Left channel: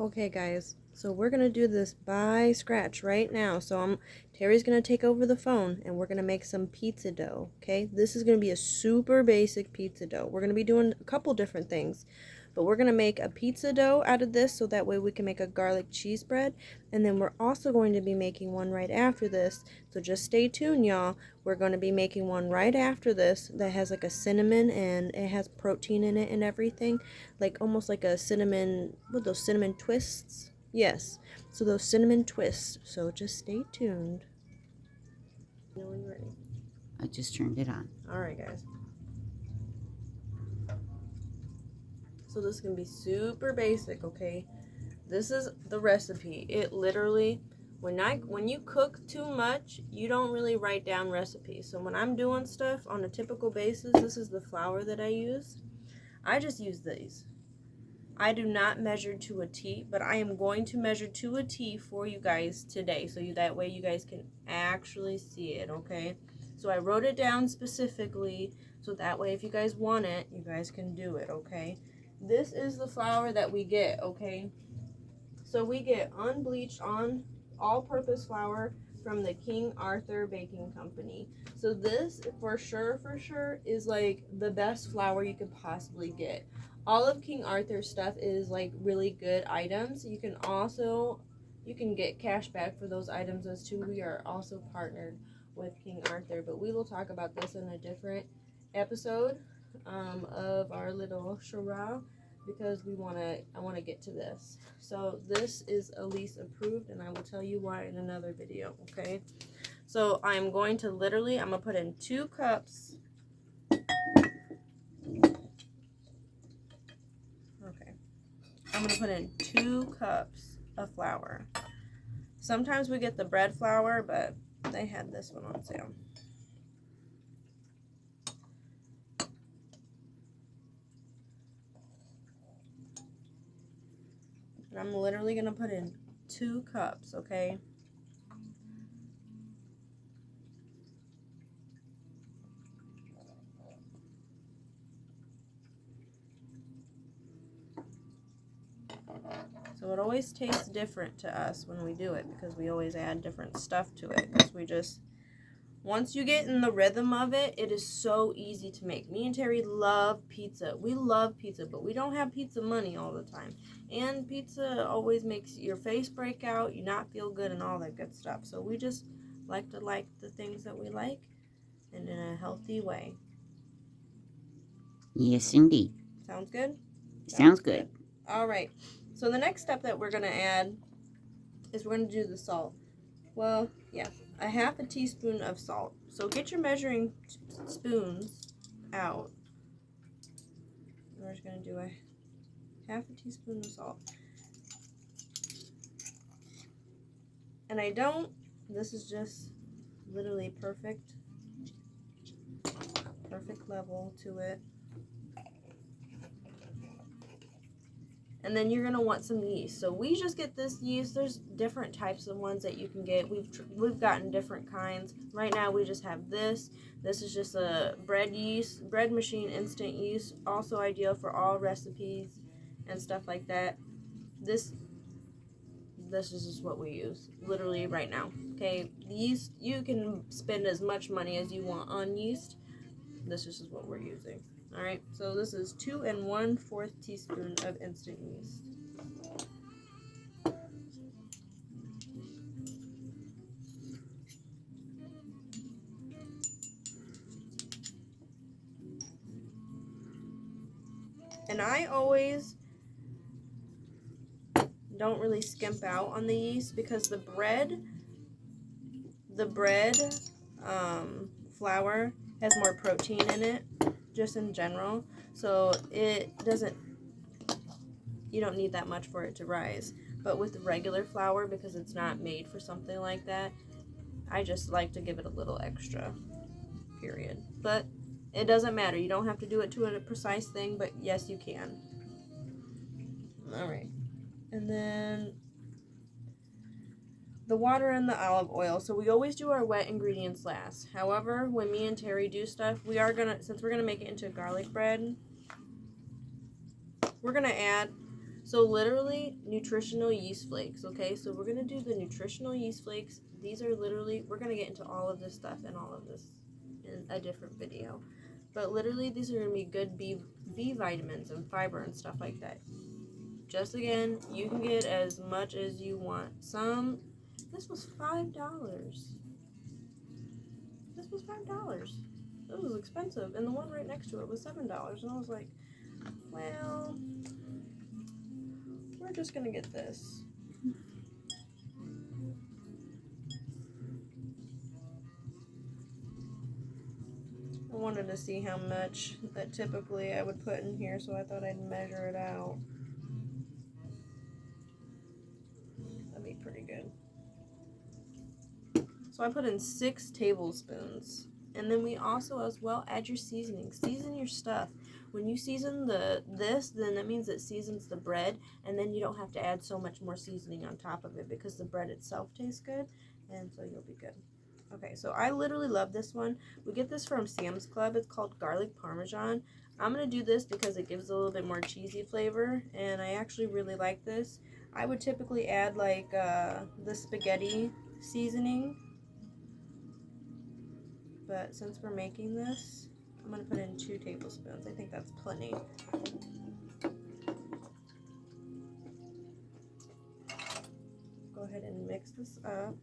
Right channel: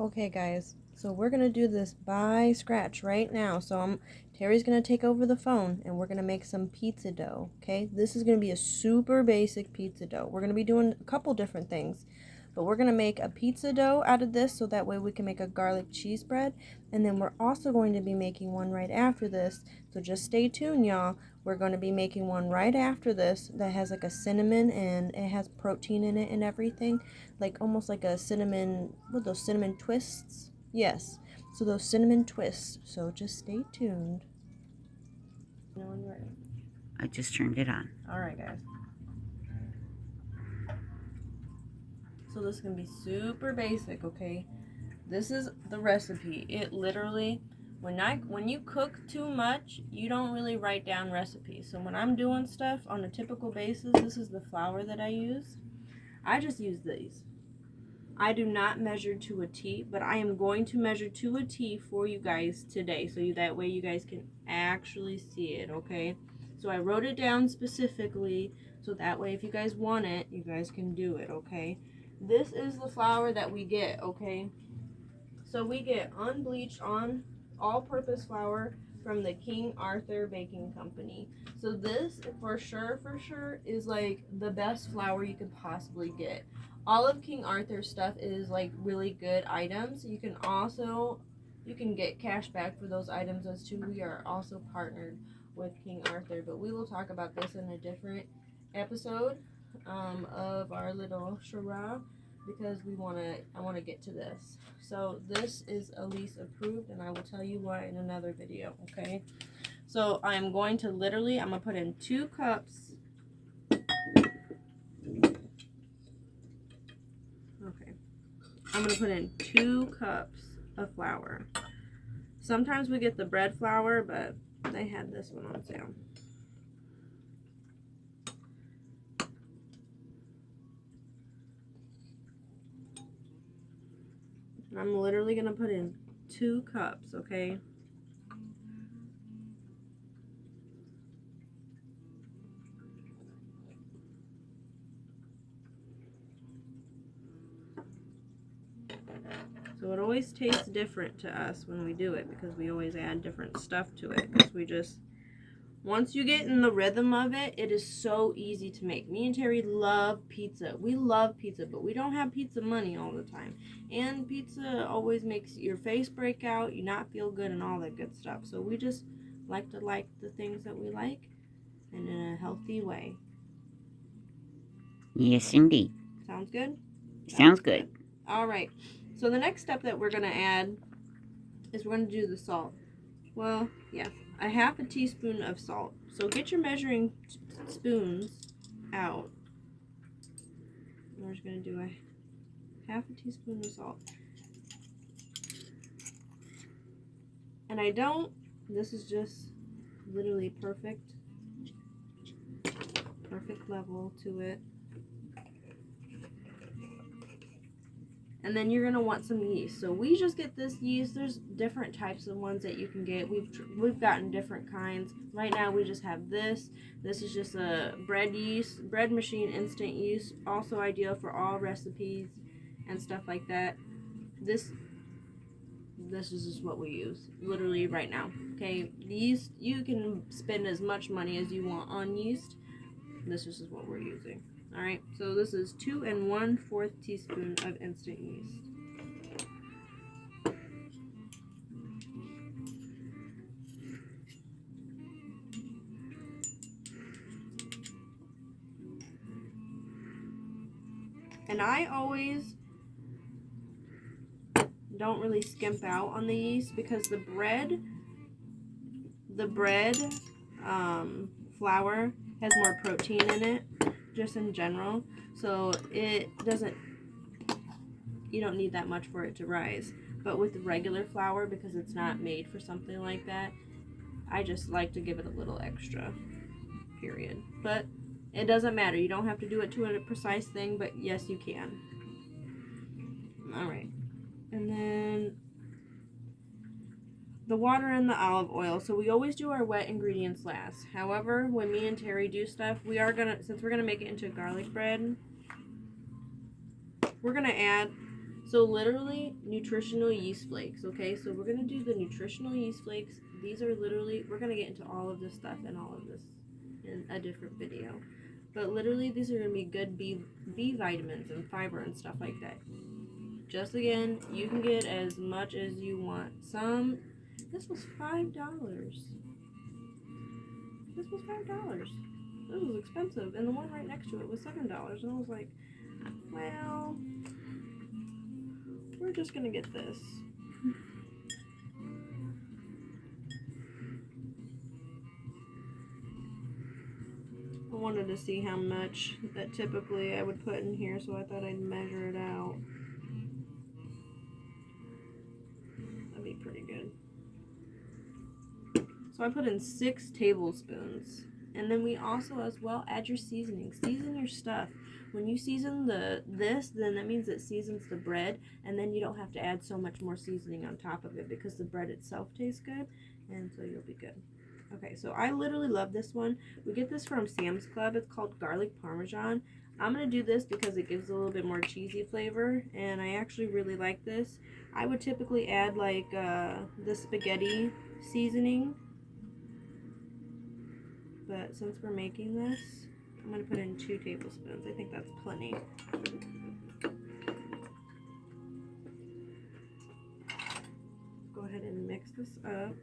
Okay guys, so we're gonna do this by scratch right now. Terry's gonna take over the phone and we're gonna make some pizza dough. Okay, this is gonna be a super basic pizza dough. We're gonna be doing a couple different things, but we're gonna make a pizza dough out of this so that way we can make a garlic cheese bread, and then we're also going to be making one right after this. So just stay tuned, y'all. We're going to be making one right after this that has like a cinnamon and it has protein in it and everything, like almost like a cinnamon, what, those cinnamon twists? Yes. So those cinnamon twists. So just stay tuned. I just turned it on. Alright guys. So this is going to be super basic, okay? This is the recipe. It literally, when you cook too much, you don't really write down recipes. So when I'm doing stuff on a typical basis, this is the flour that I use. I just use these. I do not measure to a T, but I am going to measure to a T for you guys today, so that way you guys can actually see it, okay? So I wrote it down specifically, so that way if you guys want it, you guys can do it, okay? This is the flour that we get, okay? So we get unbleached, on all-purpose flour from the King Arthur Baking Company. So this, for sure, is like the best flour you could possibly get. All of King Arthur's stuff is like really good items. You can get cash back for those items as too. We are also partnered with King Arthur, but we will talk about this in a different episode of our little charade, because I want to get to this. So this is Elise approved, and I will tell you why in another video, okay? So I'm going to put in 2 cups. Okay. I'm going to put in 2 cups of flour. Sometimes we get the bread flour, but they had this one on sale. And I'm literally going to put in 2 cups, okay? So it always tastes different to us when we do it, because we always add different stuff to it. Because once you get in the rhythm of it, it is so easy to make. Me and Terry love pizza. We love pizza, but we don't have pizza money all the time. And pizza always makes your face break out, you not feel good, and all that good stuff. So we just like to like the things that we like, and in a healthy way. Yes, indeed. Sounds good? Sounds good. All right. So the next step that we're going to add is we're going to do the salt. Well, yeah, a half a teaspoon of salt. So get your measuring spoons out. We're just going to do a half a teaspoon of salt. And this is just literally perfect level to it. And then you're going to want some yeast. So we just get this yeast. There's different types of ones that you can get. We've gotten different kinds. Right now we just have this. This is just a bread machine instant yeast. Also ideal for all recipes and stuff like that. This is just what we use literally right now. Okay, these, you can spend as much money as you want on yeast. This is just what we're using. All right, so this is 2 1/4 teaspoon of instant yeast. And I always don't really skimp out on the yeast, because the bread flour has more protein in it, just in general. So you don't need that much for it to rise. But with the regular flour, because it's not made for something like that, I just like to give it a little extra, period. But it doesn't matter. You don't have to do it to a precise thing, but yes, you can. All right. And then the water and the olive oil. So we always do our wet ingredients last. However, when me and Terry do stuff, since we're gonna make it into garlic bread, we're gonna add So literally nutritional yeast flakes, okay? So we're gonna do the nutritional yeast flakes. These are literally, we're gonna get into all of this stuff and all of this in a different video. But literally these are gonna be good B vitamins and fiber and stuff like that. Just again, you can get as much as you want. This was $5. This was $5. This was expensive. And the one right next to it was $7. And I was like, well, we're just gonna get this. I wanted to see how much that typically I would put in here, so I thought I'd measure it out. That'd be pretty good. So I put in 6 tablespoons. And then we also as well add your seasoning. Season your stuff. When you season this, then that means it seasons the bread, and then you don't have to add so much more seasoning on top of it because the bread itself tastes good, and so you'll be good. Okay, so I literally love this one. We get this from Sam's Club. It's called garlic parmesan. I'm going to do this because it gives a little bit more cheesy flavor, and I actually really like this. I would typically add like the spaghetti seasoning, but since we're making this, I'm going to put in 2 tablespoons. I think that's plenty. Go ahead and mix this up.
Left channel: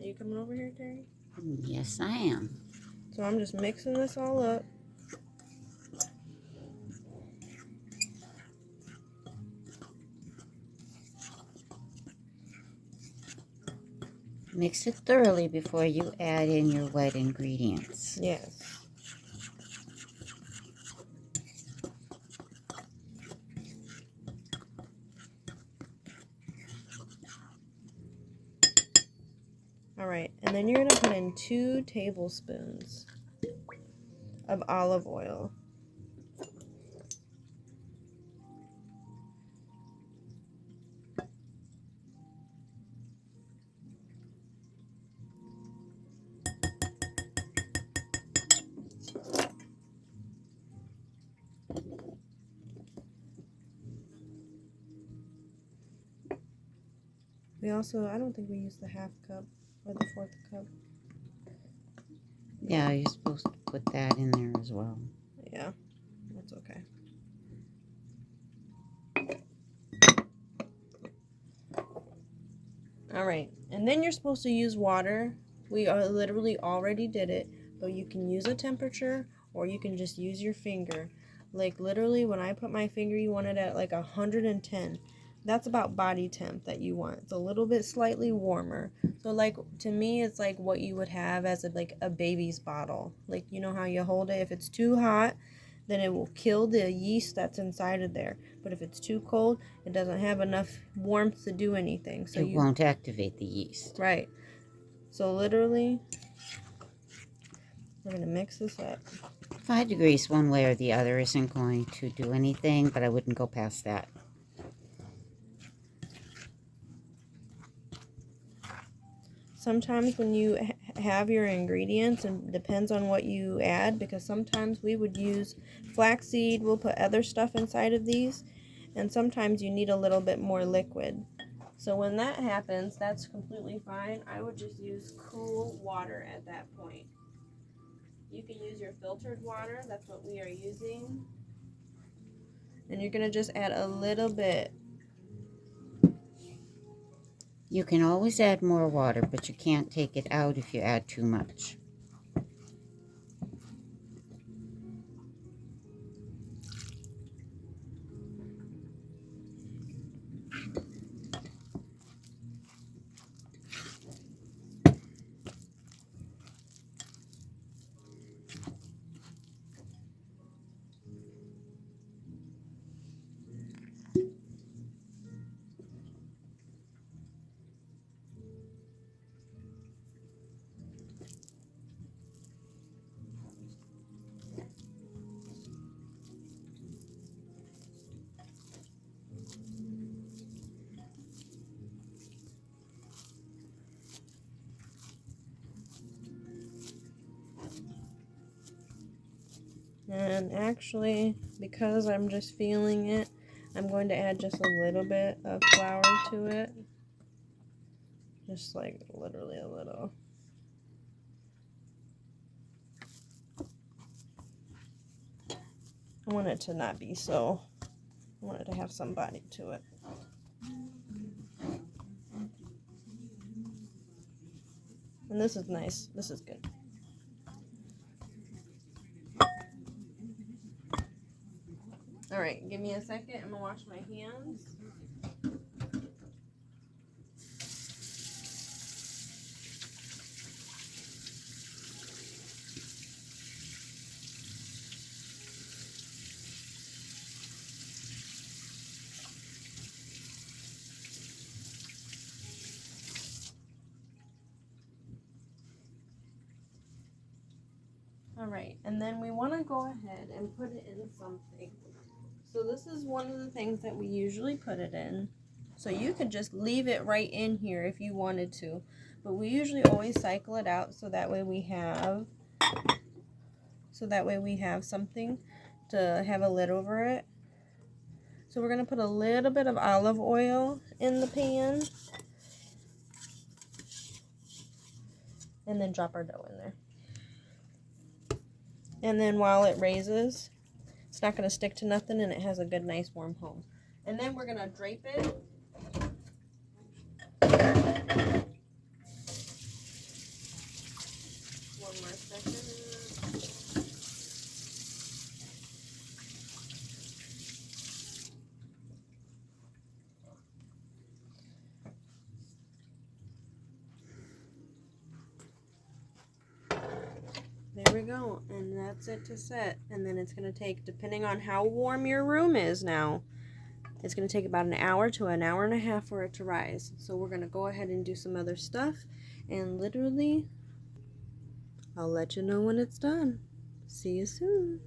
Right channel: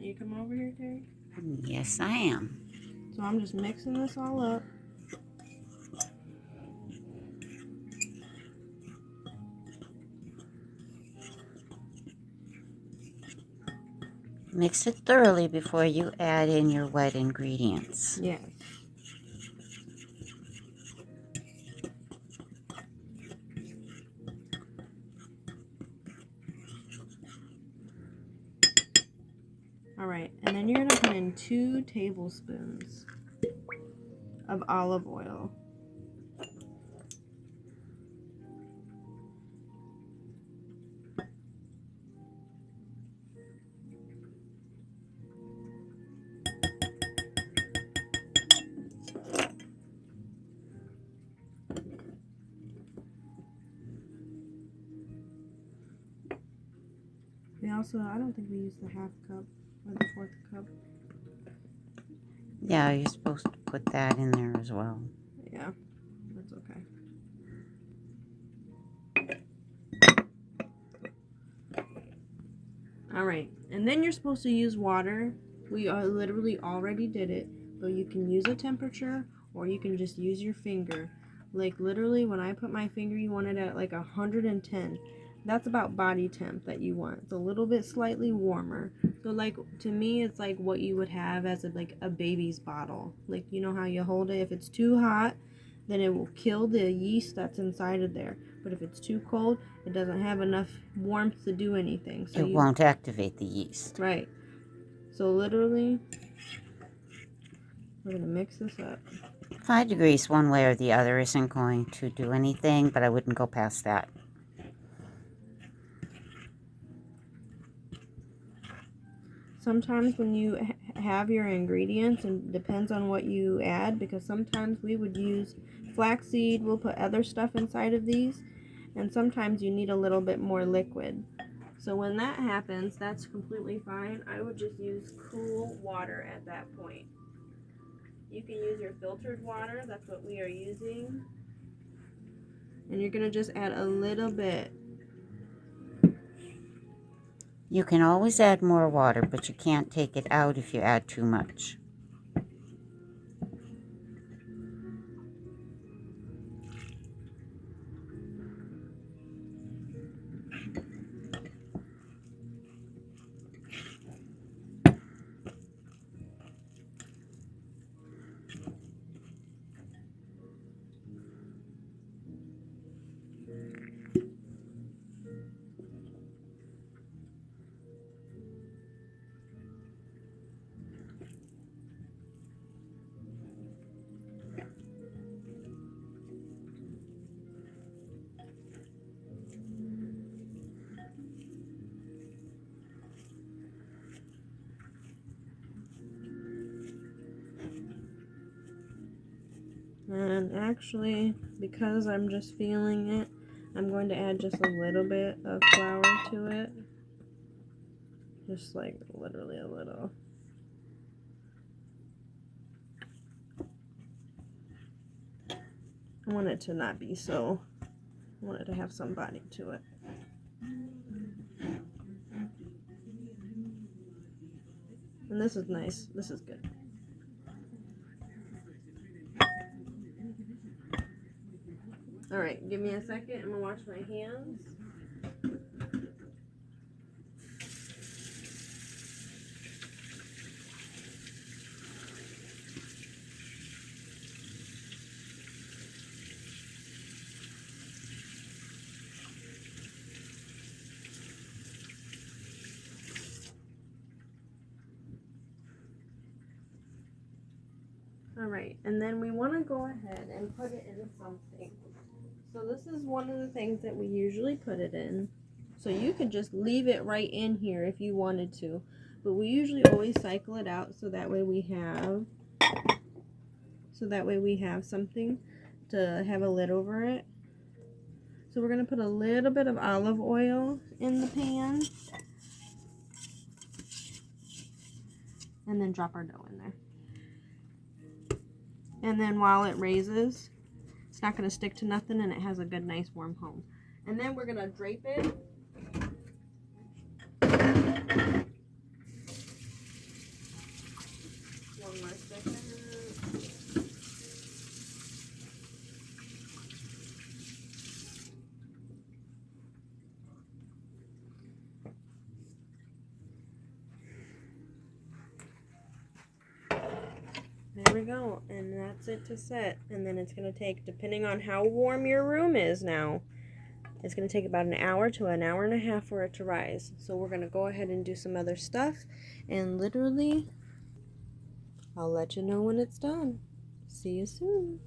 Are you coming over here, Terry? Yes, I am. So I'm just mixing this all up. Mix it thoroughly before you add in your wet ingredients. Yes. Alright, and then you're going to put in 2 tablespoons of olive oil. We also, I don't think we used the half cup or the 4th cup. Yeah, you're supposed to put that in there as well. Yeah, that's okay. Alright, and then you're supposed to use water. We literally already did it, but you can use a temperature or you can just use your finger. Like literally when I put my finger, you want it at like 110. That's about body temp that you want. It's a little bit slightly warmer. So like to me, it's like what you would have as like a baby's bottle. Like you know how you hold it. If it's too hot, then it will kill the yeast that's inside of there. But if it's too cold, it doesn't have enough warmth to do anything. So It won't activate the yeast. Right. So literally, we're going to mix this up. 5 degrees one way or the other isn't going to do anything, but I wouldn't go past that. Sometimes when you have your ingredients, and depends on what you add, because sometimes we would use flaxseed, we'll put other stuff inside of these, and sometimes you need a little bit more liquid. So when that happens, that's completely fine. I would just use cool water at that point. You can use your filtered water, that's what we are using. And you're going to just add a little bit. You can always add more water, but you can't take it out if you add too much. And actually, because I'm just feeling it, I'm going to add just a little bit of flour to it. Just like literally a little. I want it to not be so, I want it to have some body to it. And this is nice, this is good. Alright, give me a second, I'm gonna wash my hands. Alright, and then we want to go ahead and put it in something. So this is one of the things that we usually put it in. So you could just leave it right in here if you wanted to. But we usually always cycle it out so that way we have something to have a lid over it. So we're going to put a little bit of olive oil in the pan. And then drop our dough in there. And then while it raises, it's not going to stick to nothing and it has a good, nice, warm home. And then we're going to drape it. One more second. There we go, and that's it to set. And then it's going to take, depending on how warm your room is now, it's going to take about an hour to an hour and a half for it to rise. So we're going to go ahead and do some other stuff, and literally, I'll let you know when it's done. See you soon.